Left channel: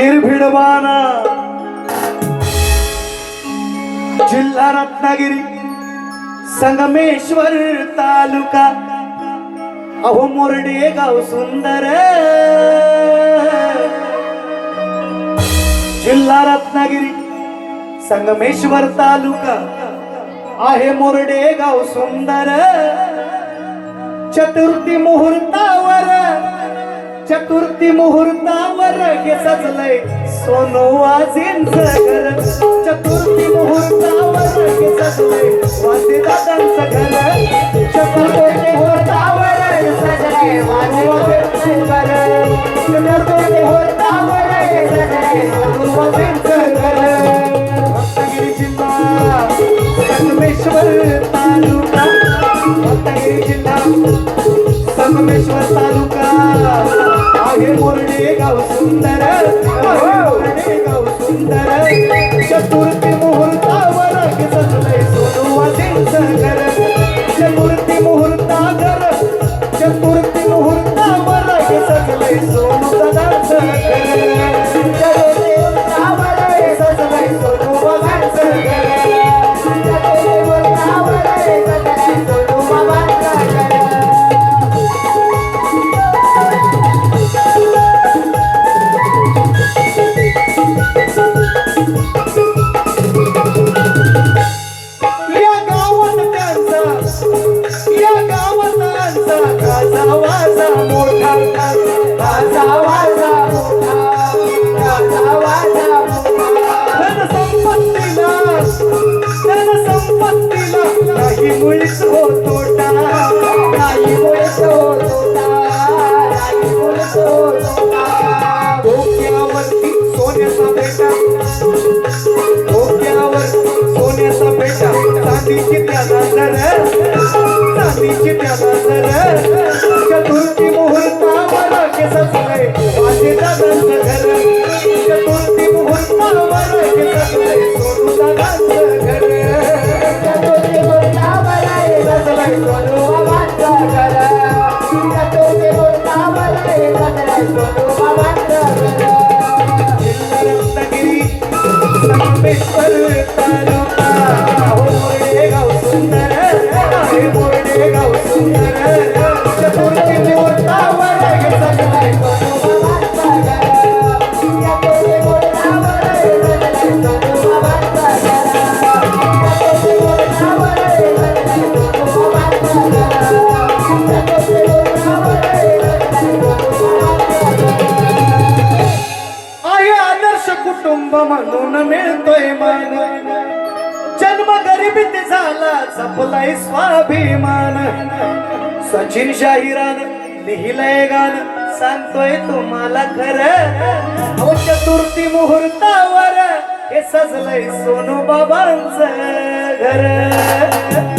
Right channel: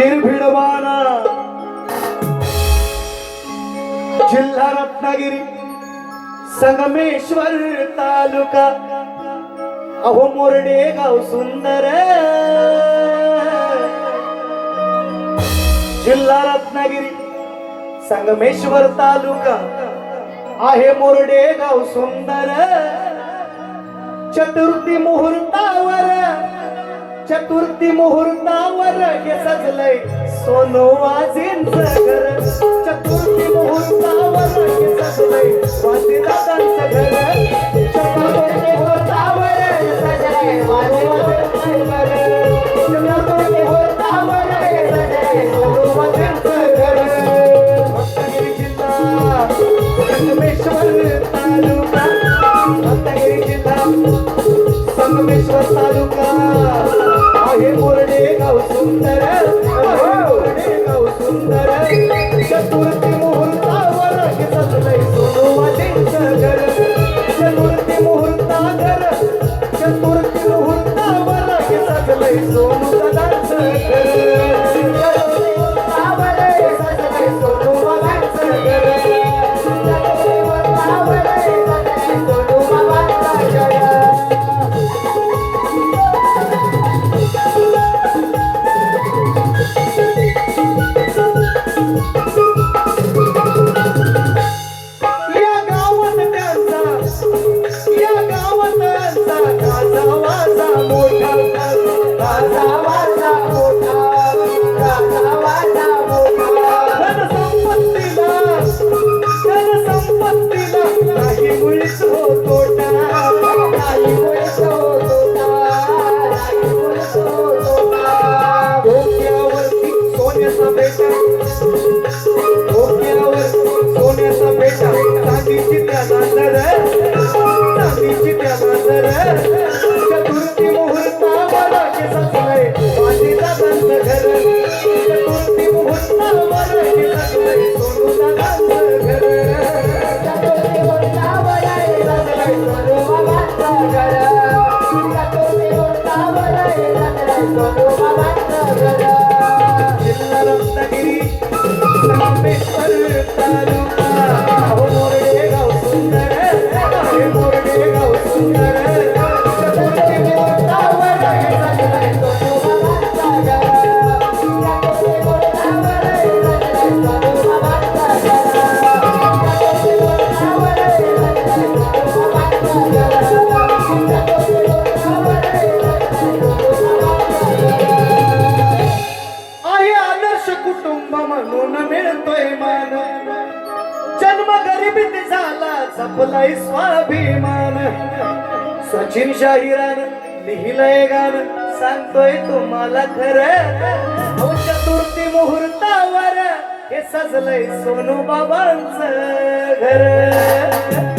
निर्भीड जिल्हा रत्नागिरी संगमेश्वर तालुका. अहो मोरडे गाव सुंदर. जिल्हा रत्नागिरी संगमेश्वर तालुका. आहे मोरडे गाव सुंदर. चतुर्थी मुहूर्तावर चतुर्थी मुहूर्तावर सजलंय. सोनो आजींच घर. ಸುಂದರ म्हणून मिळतोय मान. जन्म गरिबीत झाला जपलाय स्वाभिमान. सचिन शाहिरान लिहिलंय गाण सांगतोय तुम्हाला खरं. हो चतुर्थी मुहूर्तावर हे सजलंय सोनू बाबांच घर.